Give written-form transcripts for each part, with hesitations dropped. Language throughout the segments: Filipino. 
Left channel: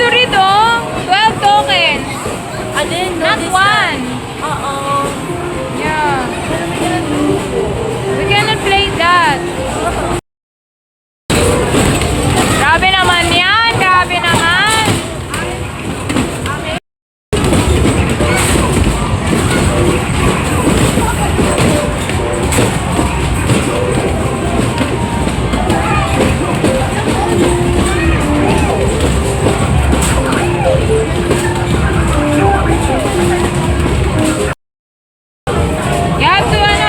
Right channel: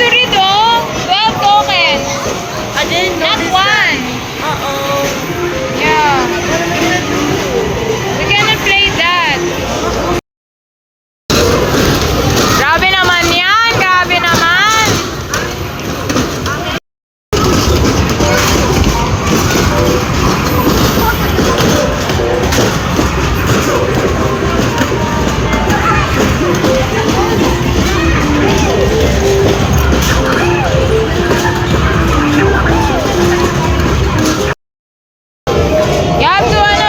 to read, oh. 12 tokens. I didn't Not notice one. that. Uh-oh. Yeah. What am I gonna do? We cannot play that. Grabe naman yan. Grabe naman.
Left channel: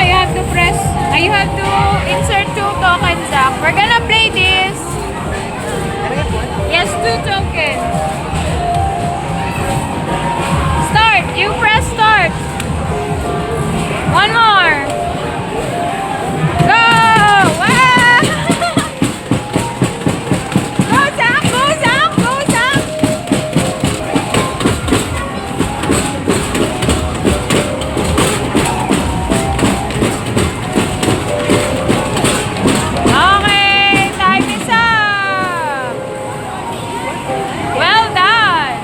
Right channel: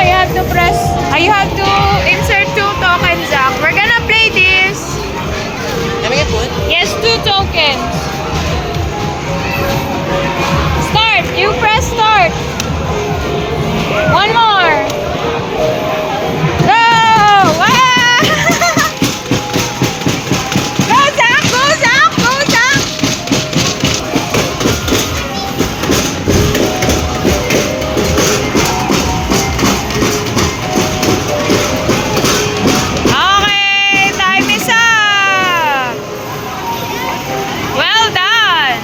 You have to press, you have to insert 2 tokens, Zach. We're gonna play this. Let me get one. Yes, 2 tokens. Start. You press start. One more. Go! Ah! Go, Zach! Go, Zach! Go, Zach! Okay, time is up. Well done.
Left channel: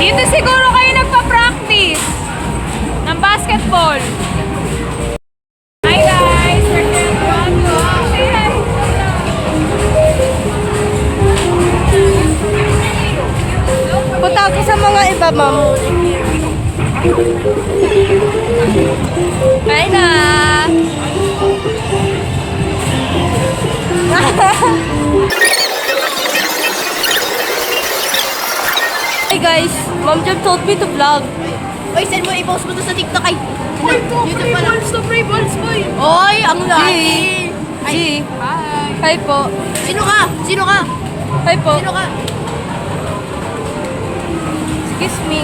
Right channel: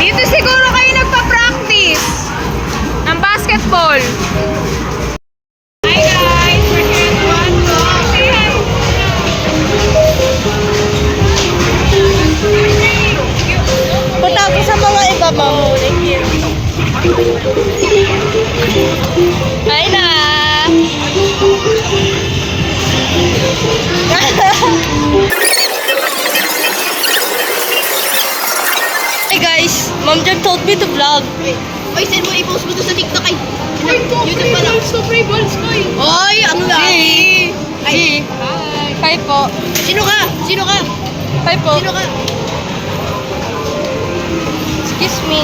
Dito siguro kayo nagpa-practice ng basketball. Hi guys, we're here to watch. Say hi. Punta ako sa mga iba, ma'am. Hi na. Hey guys, Mom Jam told me to vlog. Oy, send mo, i-post mo to sa TikTok ay. YouTube pa lang. Stop play balls, boy. Oy, ang laki. Ay, Hi. hi po. Sino ka? Sino ka? Hi po. Sino ka? Excuse me.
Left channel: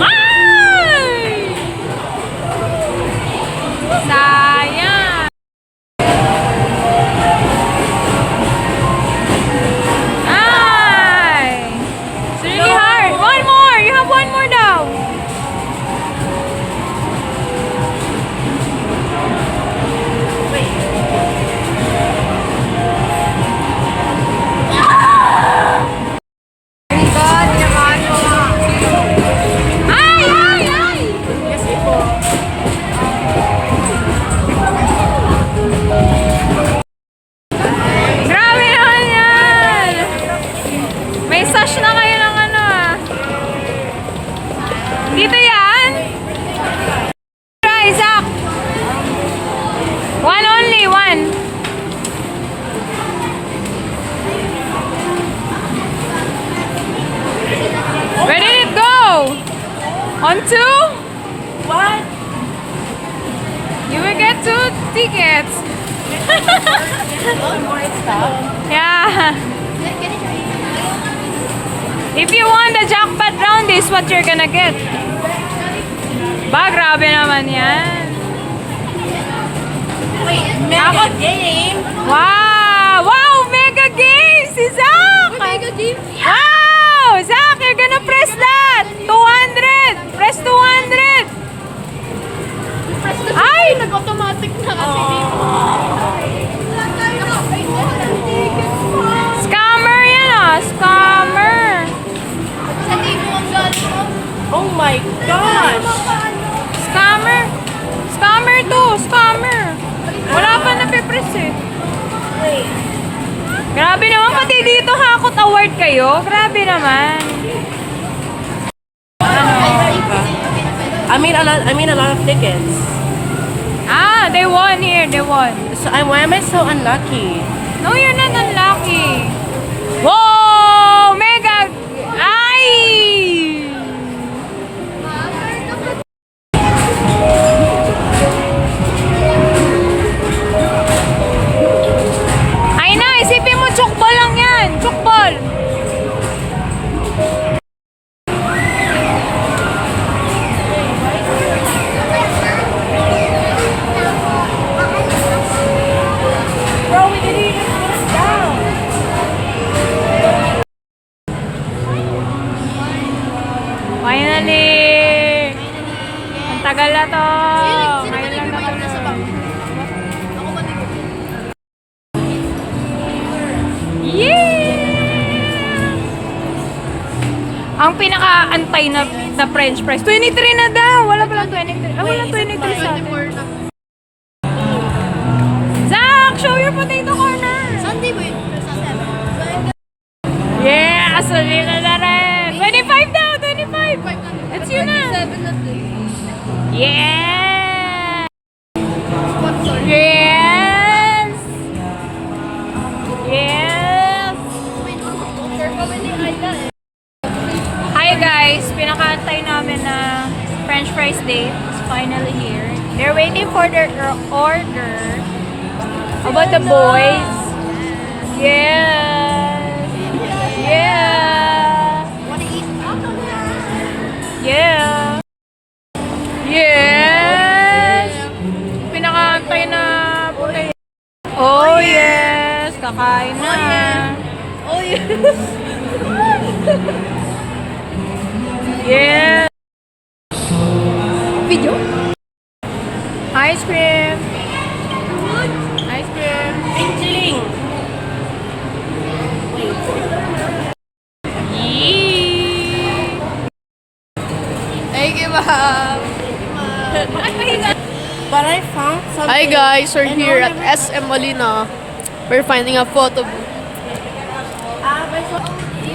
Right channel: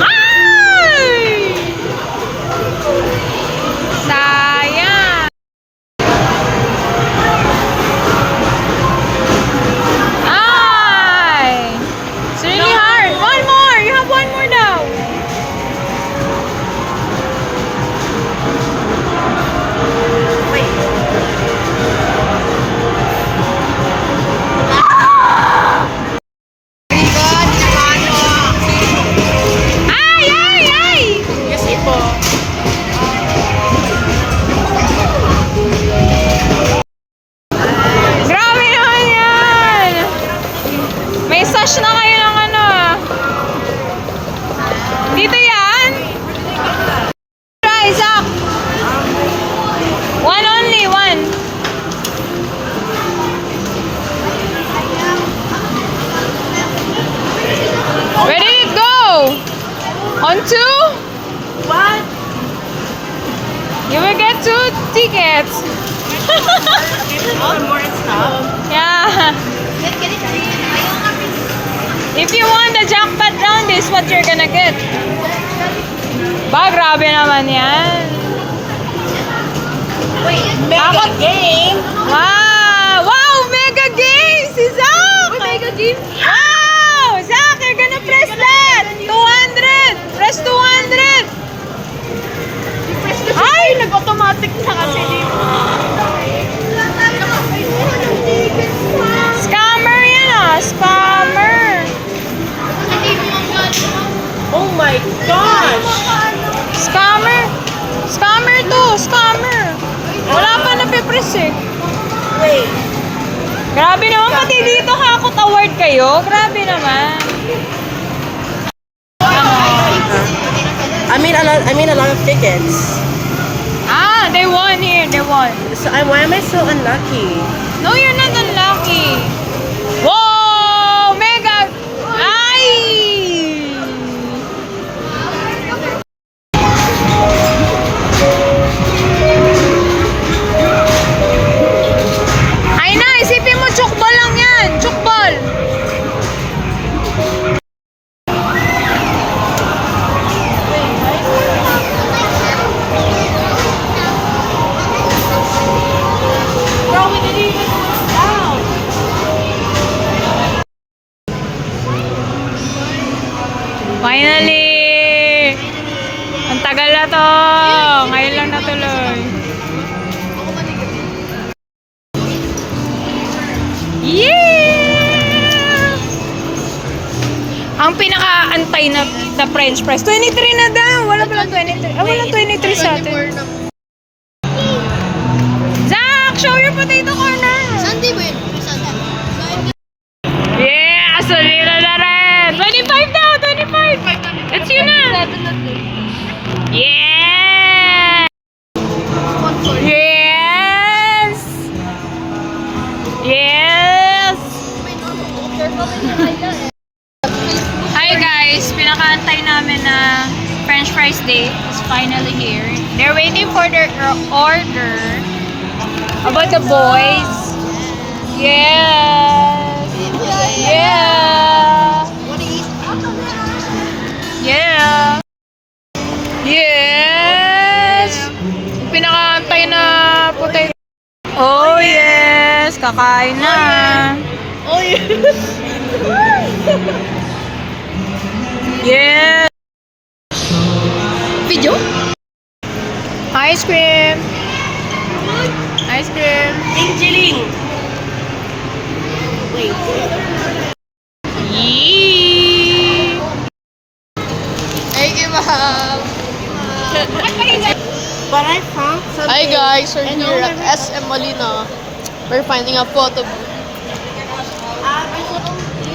Ay! Sayang. Ay! It's really hard. One more. You have one more now. Ay! Ay! Ay! Kasi po. Grabe naman yan! May sash na kayo ng ano ah. Dito yan? Rise up! One only, one. Where did it go? On 2? What? You will get 2 tickets. One more stuff. Yeah. If you won the jackpot round, this is what you're gonna get. Ba, grabe naman yan. Mega game. Wow! Wow! Mega game! Si Zach! Mega game. Wow! Zach, you're gonna press that! 200! Press 200! Ay, nag-automatic na kasi dito. Scammer yan ah! Scammer! Oh my gosh. Scammer! Scammer to! Scammer! Wala pa napipress eh. Wait. Grabe naman, pati dito Hakot Award kayo. Grabe naman. I mean a lot of tickets. Ah, they won here. They won. So why am I so unlucky? No, you're not unlucky. Whoa! Mega! Ay! Ay na, isipin mo, chokball lang yan. Chokball. Bro, we didn't even put it down. Ang pinaka-antay na french fries. 23 na daw. Wala palang 23. Ah, walang 23 sa atin. Zach, show your potato corn na. Sunday ba yun? Sunday. Yeah, solila na rin. 25 daw, 25. That's you na. Yeah. Yes. Yes. Hi guys, pinakaantay namin na French fries day is finally here. They're waiting for their order. How about the boys? Yes. Yeah. Wanna eat? Yeah. Yes. Pinakaantay na potato. Oh yes, kakain na. Oh, yeah. Yeah. Video? Ice cream. Ice cream. Angeling. Wait. Yee. Thank you, ma'am. But I found something. Hi guys, we're here at SM Molina. We're finding a photo booth.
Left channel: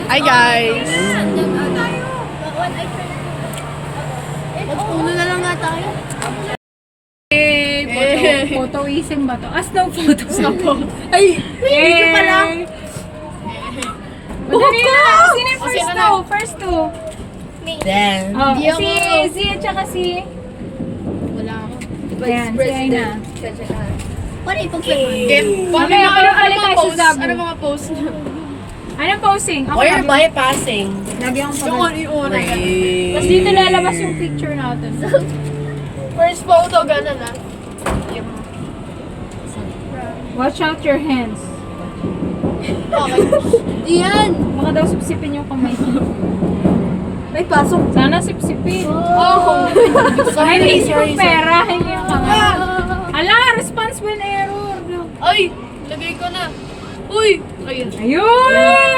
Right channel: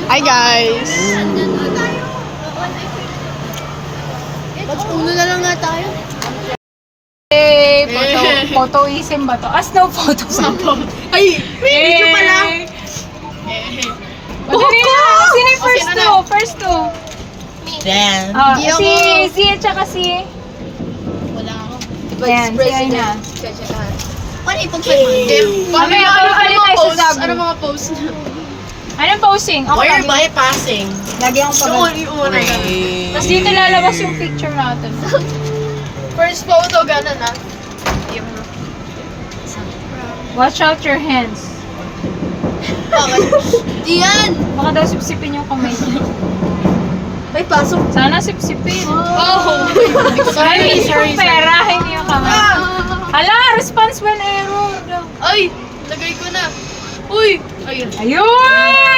Hi guys! Mag-uno na lang nga tayo. Hey, photoism ba to? Ah, snow photo. Ay! Video pala. Madali na. Sino yung first two? First two. Then, Oh, Di si ako. Z at saka si... Wala ako. Ayan, si Aina. Paano ipag-fight? Mamaya, pala tayo sa Zabu. Ano mga post? Anong posing? Ako Why are lagi. bypassing? Lagi akong pag... Wait. Tapos dito lalabas yung picture natin. First photo, ganun ah. Watch out your hands. Diyan! Baka daw sipsipin yung kamay. May pasok. Sana sipsipin. Oh! Sorry, pera, hindi yung kamay. Hala, response when error. Ay! Lagay ko na. Uy! Ayun. Ayun!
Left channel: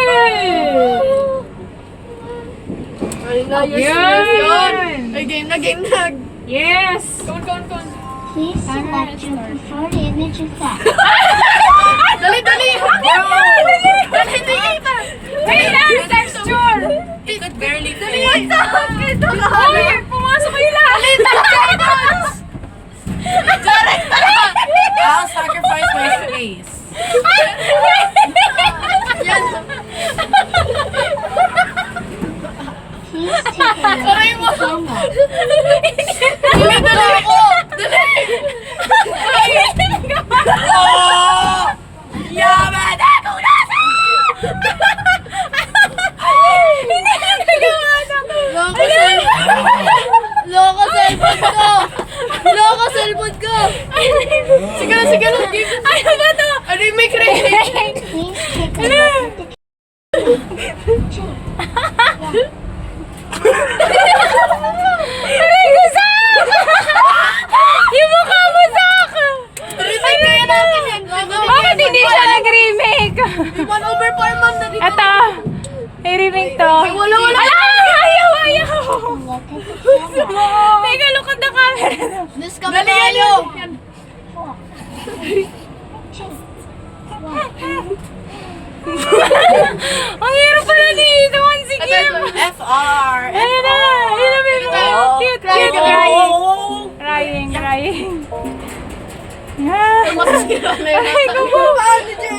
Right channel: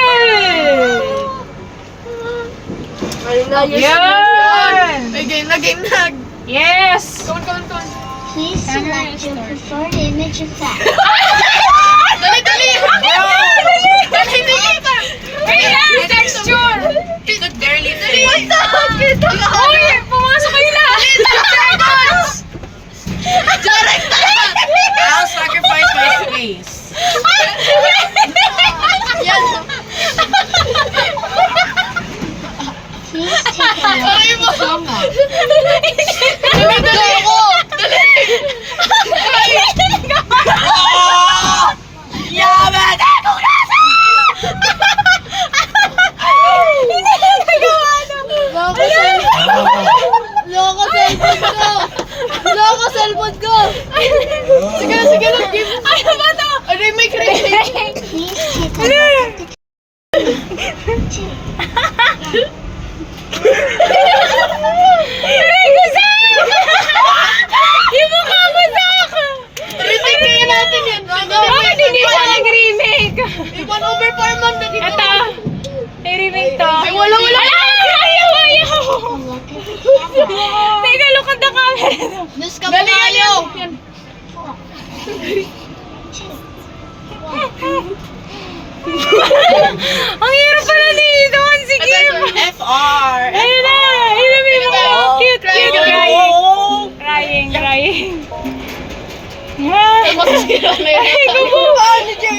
Ayun! Ay, game na, game na. Yes! Kon. Please select your preferred image effect. Dali! Dali! Wait lang, texture! It's barely dali. Uy, pumasok kayo lahat! I'll sacrifice my space. Please take a look. Ay mo! Yaman! Loko cellphone ko! Sige na, give. Ano ba to? Ano yung may crazy? Please take a look at Aray ko, Zach! Yung mukha mo, Zach! Remake kaya natin yan. Bakit hindi siya nag-remake? Yung 1/4 mom na dito. Ito, i-remake to. Ay, wala. Ayaw! Teka, look at the camera. Nus ka ba tayo? Ang hirap pala dito. Sige. FR. Ayun na. I-remake mo. Cute. Crying. Yeah. Ay, gubo.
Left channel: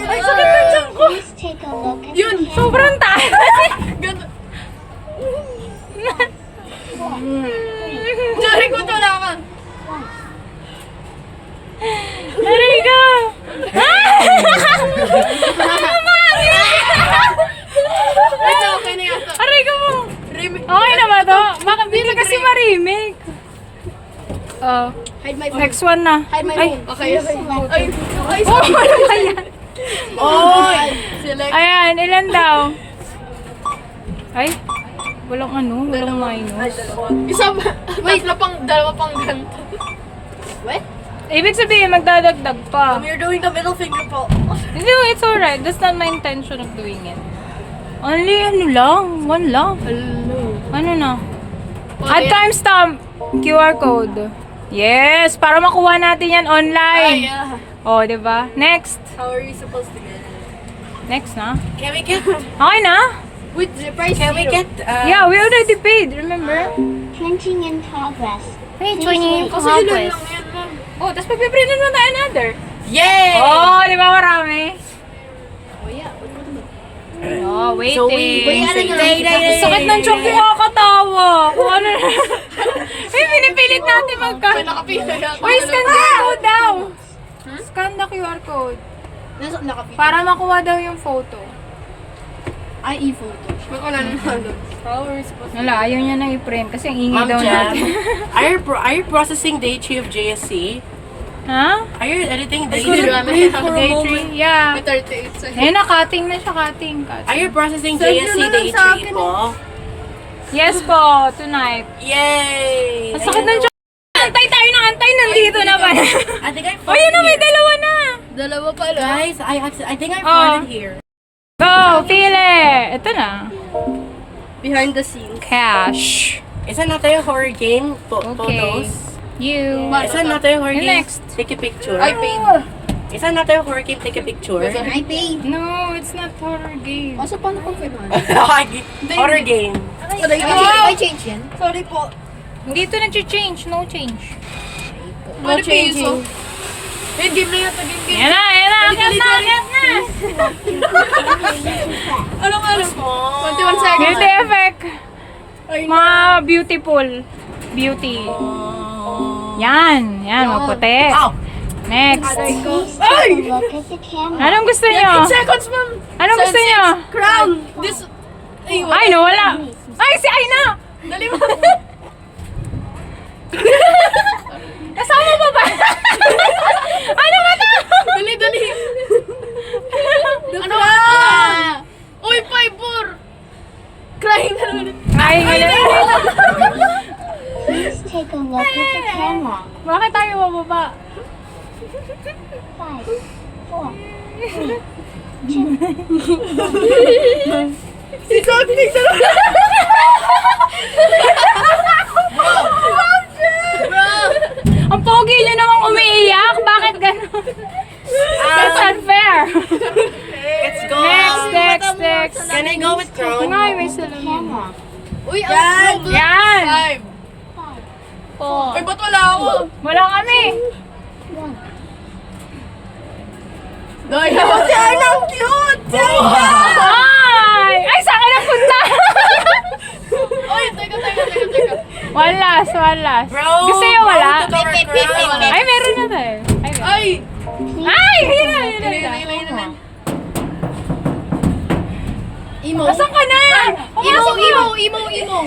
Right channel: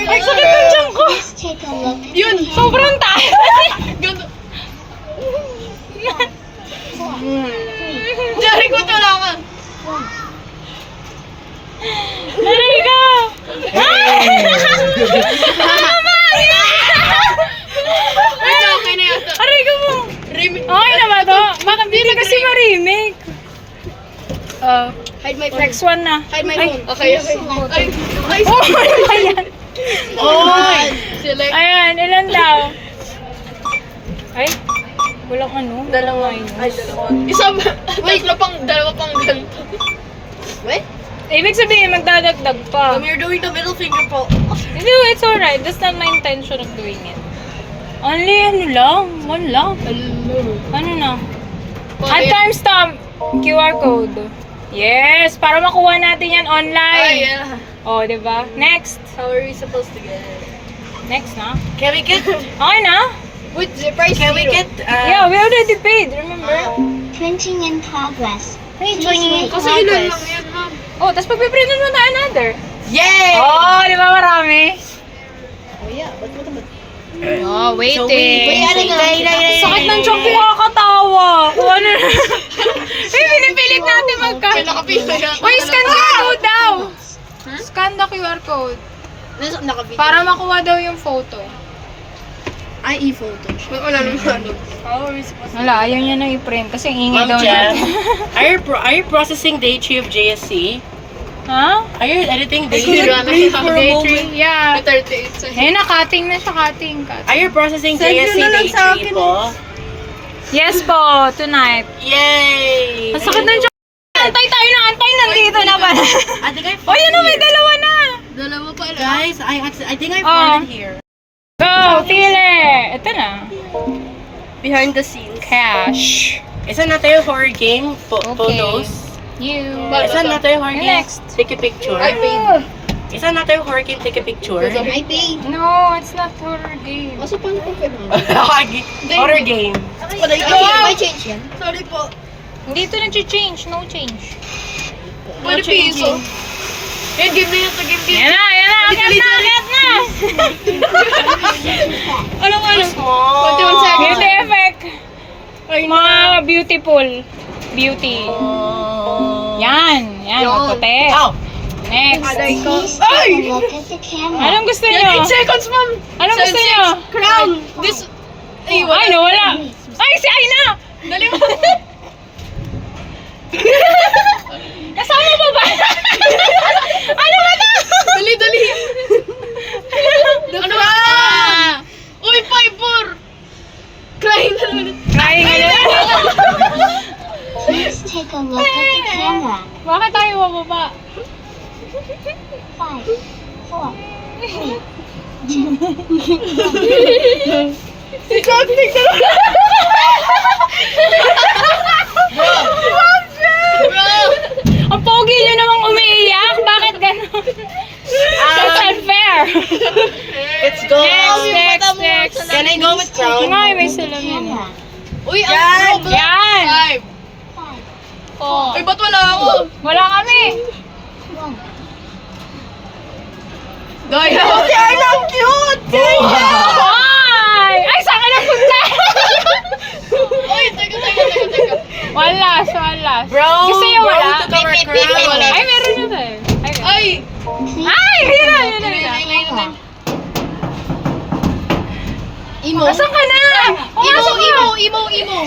Ang sakit ng tiyan ko. Please take a look at Yun. Sobrang tayo. Ganda. Jari ko talaga. Aray ka. Okay na yata. Aray ka mo. Remake. Okay na ba to? Hindi na kasi ma-remake. Hide my phone. Next one na. Hide my phone. Okay. Ay, Oh, ano ba yan? oh. Sila. Ayan, ilan daw? Ay, walang ano. Dalawa yun. Ay, dalawa. Isa ba? Wait, dalawa pang ganito. Wait. Ibig sabihin, magdadagdag pa. You're doing the middle finger po. Hindi, it's alright. That's not my intention of doing it. Only ano lang, one lang. Ano na? At timestamp. QR code. Yes, para makuha natin yan online. yeah. Oh, di ba? Next. How are we supposed to get it? Next na. Can we get? Okay na? With the price Can we get? Yeah, we already paid, remember? Printing in progress. Hey, Please wait Kasi for ilan lang progress. yun, ma'am. Oh, tapos pagpiprintin mo tayo another. Yay! Oh, di ba marami? Oh, yeah. Ba't mo naman? Oh, waiting. Sakit ng chok ko kakatawa. Kung ano na. Eh, pinipilit natin magka. Nakapila yan. Uy, scan QR code daw. Scan the QR code. Nakapila. Para makuha daw yung photo. Ay, e-photo. Wala naman ano. How are we supposed to? Wala, ayaw niya nang i-print kasi ang ingay Ma'am daw Jam, natin. are you processing day 3 of JSC? Ha? Are you editing day Couldn't 3? breathe for a Day moment. 3? Yeah. May 38 seconds. Eh, na-cutting na siya, cutting. Are you processing JSC day 3 po? Yes po, tonight. Yay! Ang sakit ng chok. Antay tayo ng antay, nandito na pala. I think I Oh, found yan na, may here. dalawa na. Dalawa pa lang. Guys, I think I Oh. found it here. Go, pili. Ito na. Behind the scenes. Cash. Isa na tayo horror game Okay. photos. You. Isa na tayo horror game. Next. Take a picture. I paid. Isa na tayo horror game. Take a picture. I paid. No, it's not horror game. Kaso paano kung pwede man? Horror game. I change yan? Sorry po. Hindi ito nag-change. No change. No changing. Yan, game na yan. Game game. Yan na, yan na. Akyat na, akyat na. Ano nga lang? 21 seconds. Beauty effect. Mga beautiful. Beauty. Yan. Yan, magputi. Wow! Please Next. take a look at the camera. Anong gusto niyo? 8 seconds, ma'am. Anong gusto niyo? Crown. This. Ay, Ay, nawala. Ay, si Aina. Dali mo. Kasama pa ba? Ano ba to? Dali, dali. Ano ba? Uy, 5-4. Crying na naman. Crying ulit. Please take a look at the camera. Bakit tayo mababa? 5, 4, 3, Ang pogi niyo namang umiiyak. Bakit ganun? That's unfair. Let's go! Next. Can I go with crown? Ngay, may salamin. camera. Uy, ang Yan. 5. Uy, ba't wala ako? Wala kami. 1. Daya. Ang cute! Ay! Ay, saan ka napunta? Uy, teka. One last, one last. Bro! Gusto niyo bro, wala? took our crown. Ay, meron na din. Ay, meron. Ay! Ay, yun na, yun na. Yun. Emo. Nasaan ka na? Pumasok ka. Emo.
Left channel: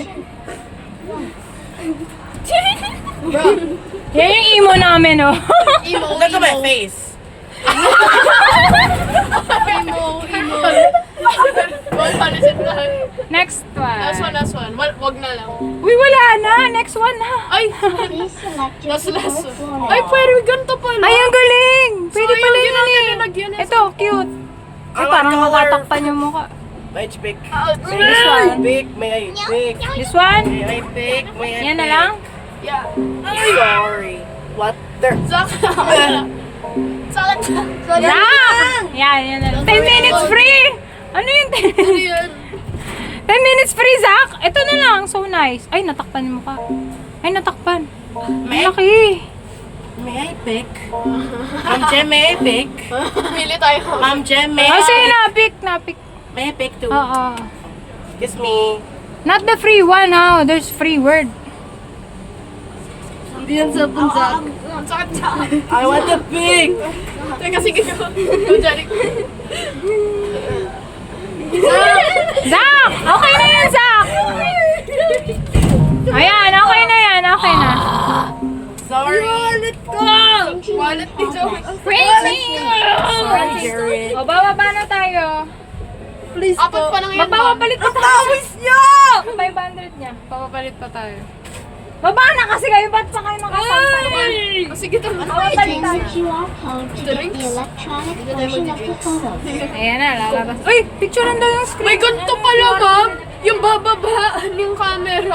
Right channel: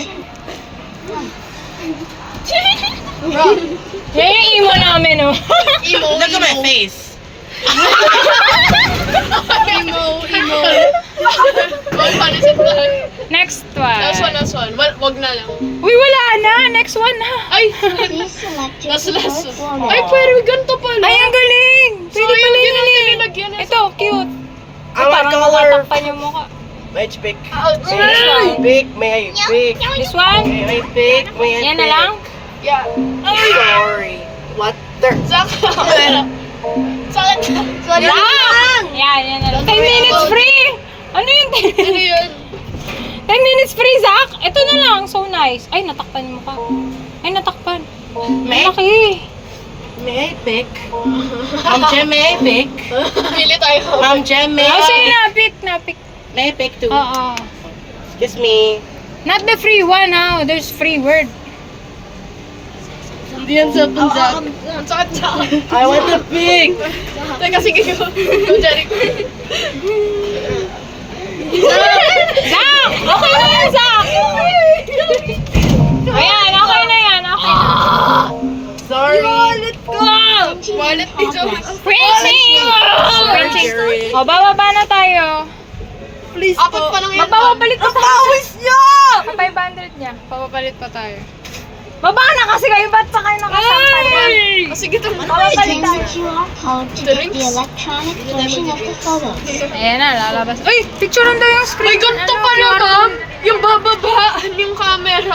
Yan yung emo namin, oh. Emo. Look at my face. Emo. Uy, panisin ba? Next one. Last one. Wag na lang. Uy, wala na. Next one na. Ay! Please select your Last preferred one. border. Ay, pwede ganito pala. Ay, ang galing. Pwede Sayang, pala di yun lang eh. tayo lagyan ng- Ito, cute. I want Parang color. matatakpan yung mukha. May pick. Ay! Pick, may pick. This one? May pick, may Yan na lang? Yeah. Sorry. What the? Sakit. Sorry. Lang! Yan na lang. 10 minutes free! Ano yung 10 Ano minutes? yun? 10 minutes free, Zach! Ito na lang. So nice. Ay, natakpan yung mukha. Ay, natakpan. May, Malaki. may pick. Ma'am Jem, may pick. Pili tayo. Ma'am Jem, may Oh, sige, pick. napik. May pick too. Oo. Kiss me. Not the free one, ha? There's free word. Hindi yan sa punsa. Ang sakit siya. I want the pick. Teka, sige ko. Go, Jeric. Zach! Okay na yan, Zach! Ayan, okay na yan. Okay na. Sorry. Wallet dito. Printing! Printing. O, bababa na tayo. Please apat pa lang yan. Magpapabalik pa tayo. niya! 500 niya. Papapalit pa tayo. Baba na kasi kayo. Ba't pa kayo nakasampan na? Oh, sige, ito. Papapalit Use na. the QR code to get the electronic version of the photos. Ayan na, lalabas. Uy, picturean daw yung screen. May ganito pala, ma'am. Yung bababa yung camera.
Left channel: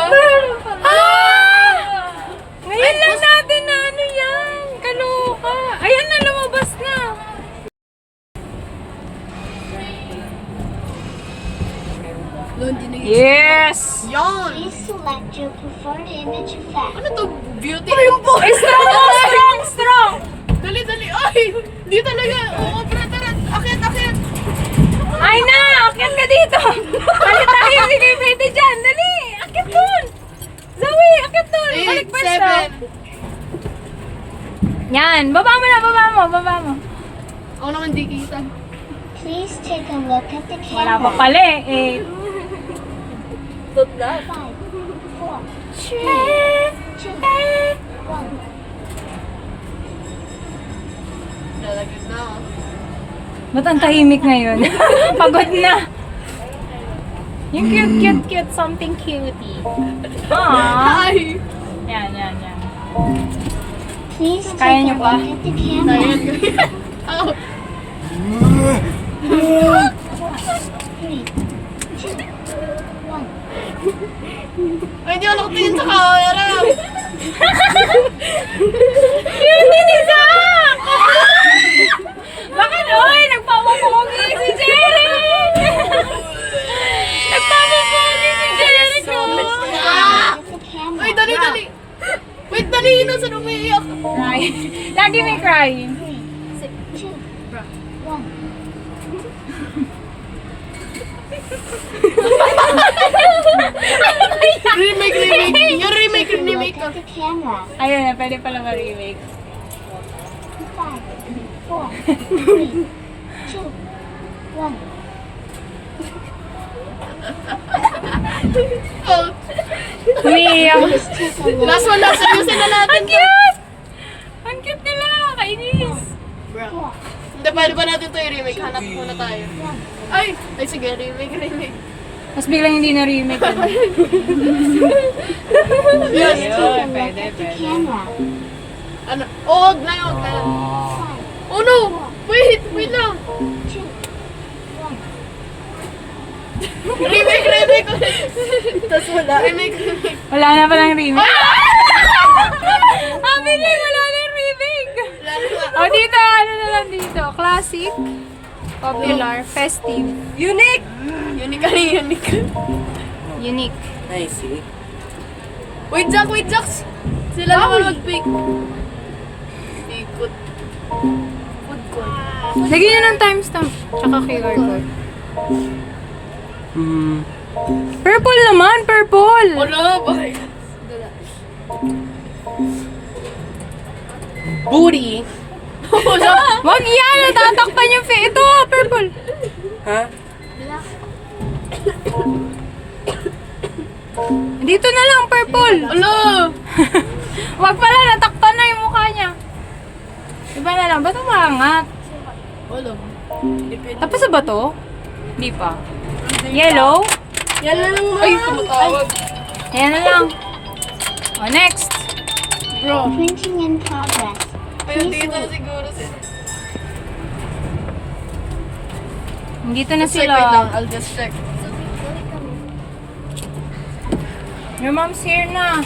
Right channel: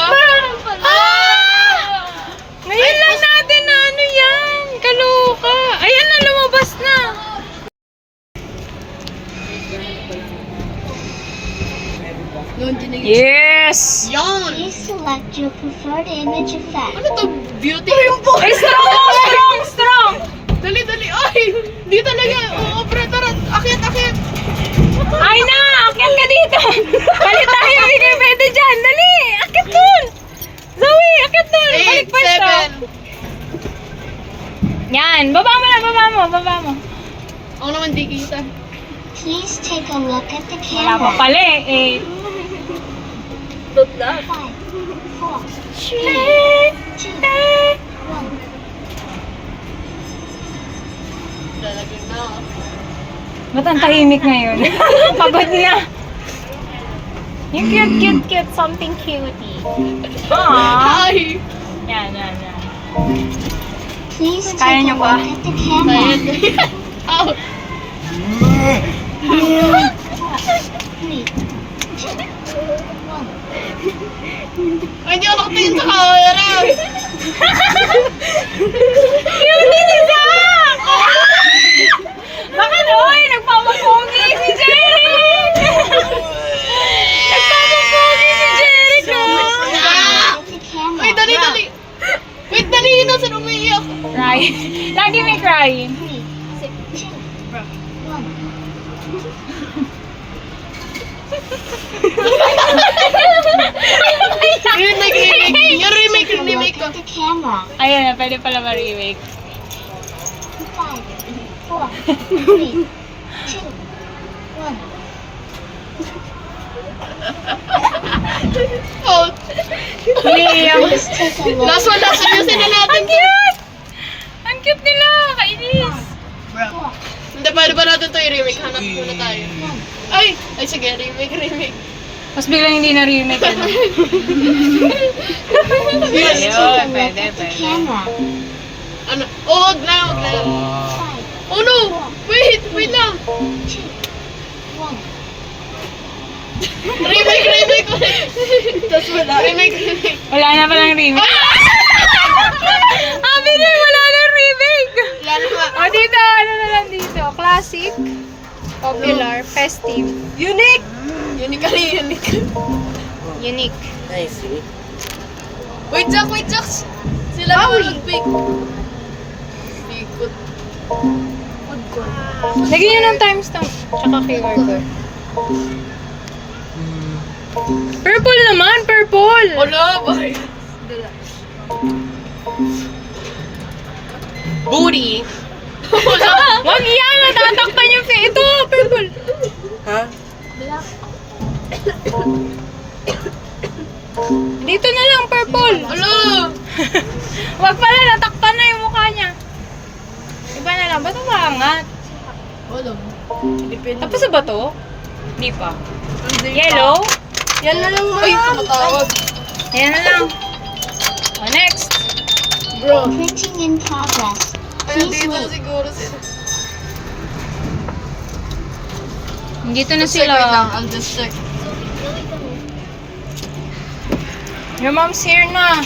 Yes! Yan! Please select your preferred image effect. Ano to? Beauty? Ay, strong mo! Strong! Strong! Dali, dali. Ay! Di talaga. Oo, pre, tara. Akit, akit. Ay na! Akyat ka dito! Balik tayo! Hindi kayo pwede dyan! Dali! Akyat dun! Zoe! Akyat dun! Balik 8, pwesto! 7. Yan! Baba mo na! Baba mo! Baba mo! Ako naman di kita. Please take a look at the Wala pa camera. pala eh. 5, 4, 3, 2, 1. Lalagyan na ako. Ba't ang tahimik ngayon? Pagod na. Yung cute. Something cutie. Aww. Ay! Yan. Please Kaya take a niyo look pa? at the camera. Ow! 3, 2, 1. Ay, hindi ako nakatingin sa camera. Cutie ni Zach! Bakit? Oy, nagpapapogi si Jeric! Nagpapapogi si Jeric, no? At the camera. Ay, dali, dali. Wait, dali. Nasaan umiiyak? Cry. Lagi may crying. 3, 2, 1. Remake. Yung remake ko. At the camera. Ayun na, pwede pala ma-remake. 5, 4, 3, 2, 1. Oh, Liam. Please take a look. last one. Ayusin na natin to. Ang cute nila, kainis. Bro. Hindi, paano ba natin to i-remake? Hanap muna tayo. Ay, sige, remake. Tapos biglang hindi na remake yun. Yun. pwede. Camera. Ano? Oh, wag na. 5, Oh no! Wait lang. 2, 1. Remake ulit. Tapos wala. Remake. Wala na palang remake. Sabi niya, wala na remake. Wala na ba? O dito, ano na lang dito? Classic, popular, festive, Unique! Unique. unique. I see. Wait, Jax. Sila naman mag-bake. Bikot. Food court. Lagyan nyo ng timestamp. Tsaka QR code. Purple naman, purple! Wala, bakit? Booty. Wala. Wag yan! Natatakpan yung face. Ito, purple. Ha? Dito na lang, purple. Wala. Wag pala, natakpan na yung mukha niya. Iba na lang. Ba't umangat? Wala. Tapos sa ba to? Hindi pa. Yellow? Yan na lang. Ay, tumatawag. Ayan na lang. O, next. Bro. Printing in progress. Ayun, dito na siguro sila. Dito na Check, wait lang. sila. I'll just check. Your mom's here na.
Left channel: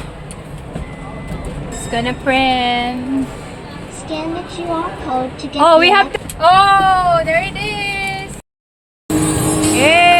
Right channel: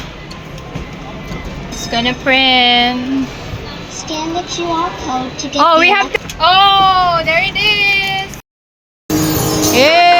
It's gonna print. Scan the QR code to get Oh, the we have to... Oh, there it is. Hey!